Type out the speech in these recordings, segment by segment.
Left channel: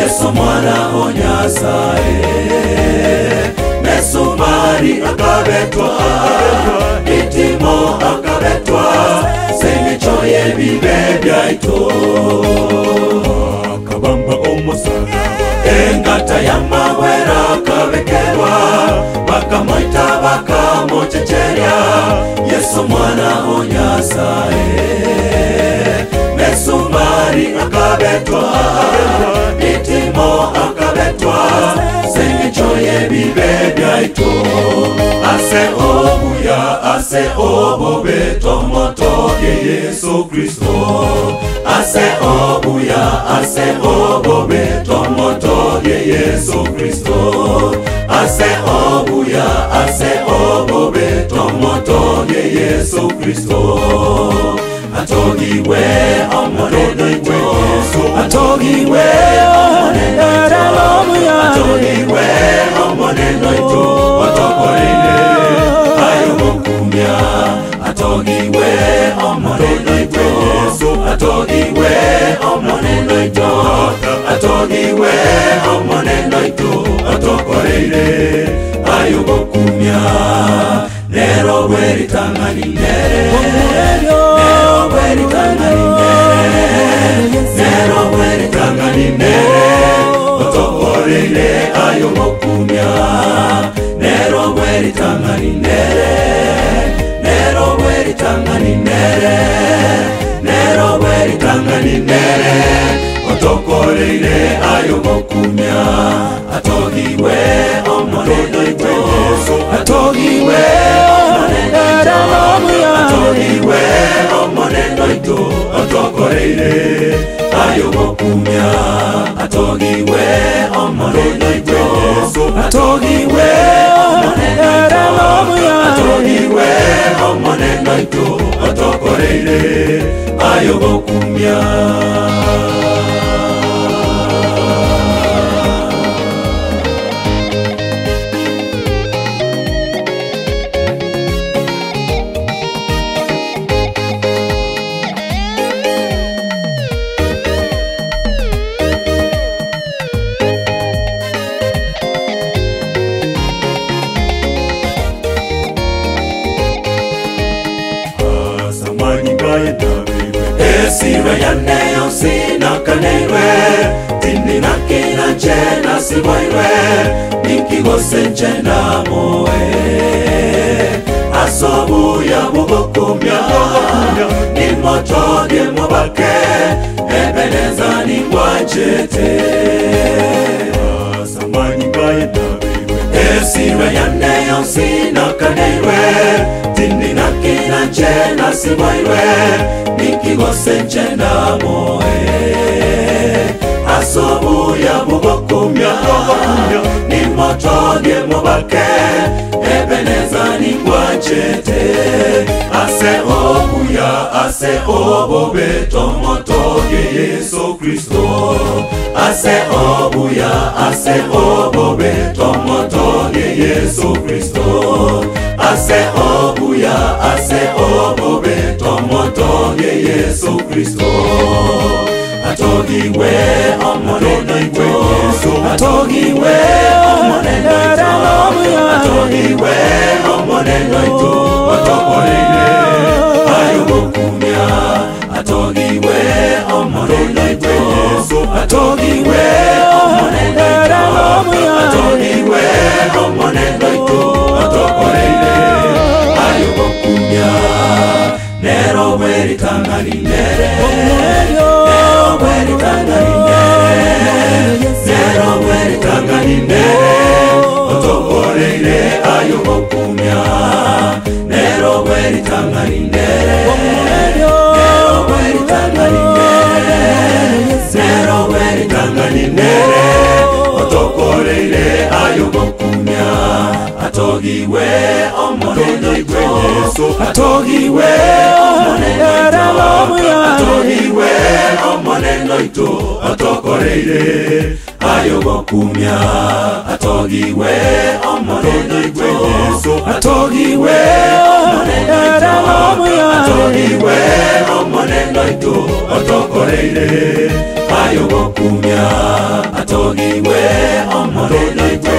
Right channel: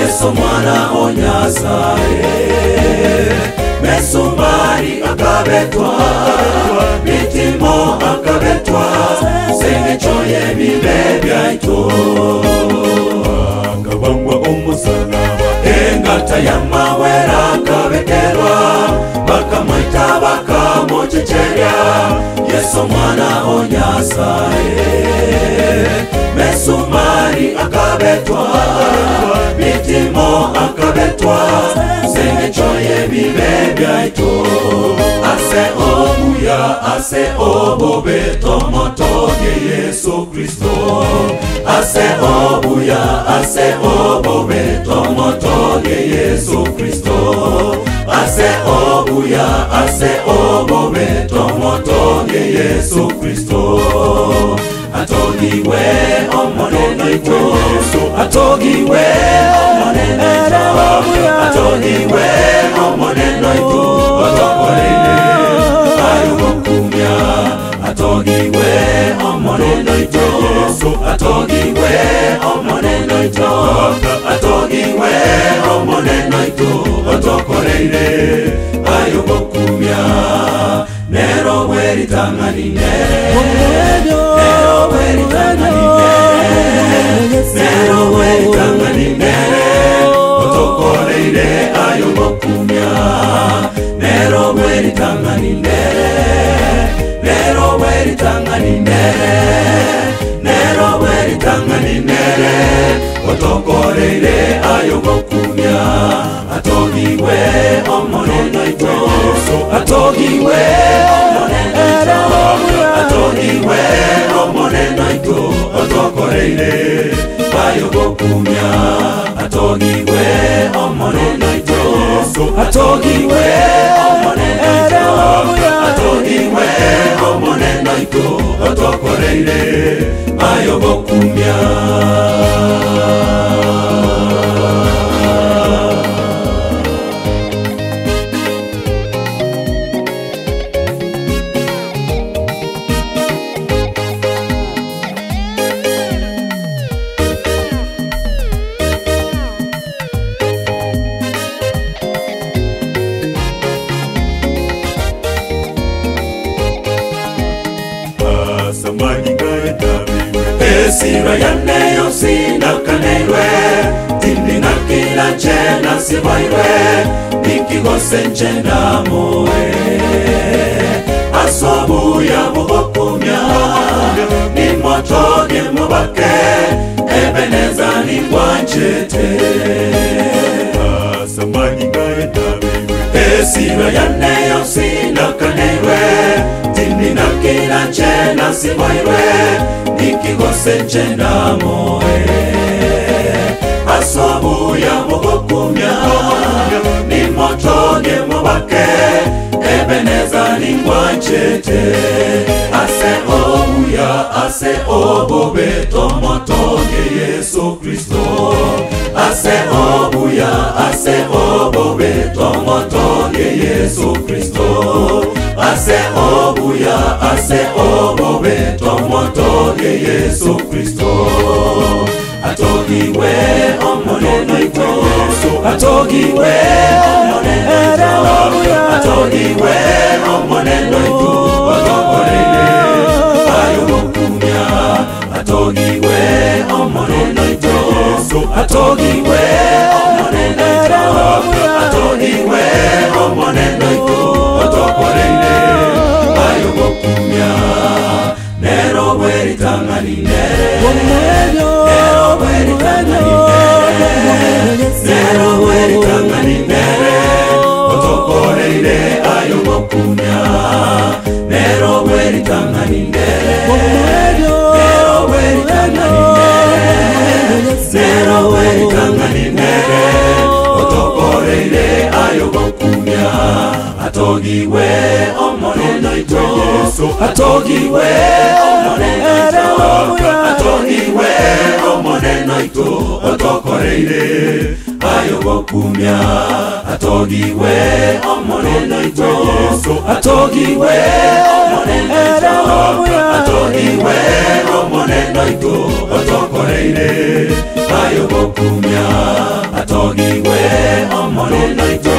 Yesu mwana wa Nyasaye, mesumari akabetwa, bitimo akabetwa, semechoye bibe byaito. Akabambwa umusaraba, engata y'amawera akabekerwa, bakamwita bakamucecerya, Yesu mwana wa Nyasaye, mesumari akabetwa, akabetwa, semechoye bibe byaito. Ase obuya tomotoge Yesu Kristo. Ase obube tomotoge Yesu Kristo. Ase obube tomotoge Yesu Kristo. Atogiwe omoneno ito, atogiwe omoneno ito, atogiwe omoneno ito, otokorele ayukumya. Atogiwe omoneno ito, atogiwe omoneno ito, atogiwe omoneno ito, otokorele ayukumya. Nero weri tangani nere, nero weri tangani nere, nero weri tangani nere, otokoreire ayubokumya. Nero weri tangani nere, nero weri tangani nere, nero weri tangani nere, otokoreire ayubokumya. Atogiwe omoneno ito, atogiwe omoneno ito, atogiwe omoneno ito, otokoreire ayubokumya. Atogiwe omoneno ito, atogiwe omoneno ito, atogiwe omoneno ito, otokoreire ayubokumya. Esira yane yosina kaneirwe, tindi na kila chena sibairwe, nikigose nchena moe. Asobu ya mubokumya, ni motoge mubake, ebeneza ni mwanchete. Esira yane yosina kaneirwe, tindi na kila chena sibairwe, nikigose nchena moe. Asobu ya mubokumya, ni motoge mubake, ebeneza ni mwanchete. Ase obube tomotoge Yesu Kristo. Ase obube tomotoge Yesu Kristo. Ase obube tomotoge Yesu Kristo. Atogiwe omoneno ito, atogiwe omoneno ito, atogiwe omoneno ito, otokorele ayubokumya. Atogiwe omoneno ito, atogiwe omoneno ito, atogiwe omoneno ito, otokorele ayubokumya. Nero weri tangani nere, nero weri tangani nere, nero weri tangani nere, otokoreire ayubokumya. atogiwe omoneno ito atogiwe omoneno ito atogiwe omoneno ito otokoreire ayogokumya atogiwe omoneno ito atogiwe omoneno ito atogiwe omoneno ito otokoreire ayogokumya atogiwe omoneno ito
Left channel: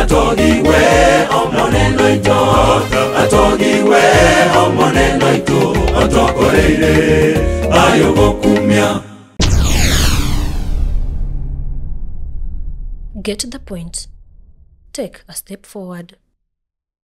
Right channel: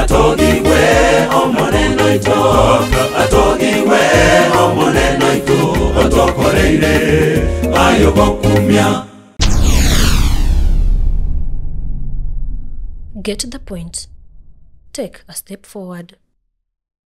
atogiwe omoneno ito atogiwe omoneno ito otokoreire ayogokumya. Get the point. Take a step forward.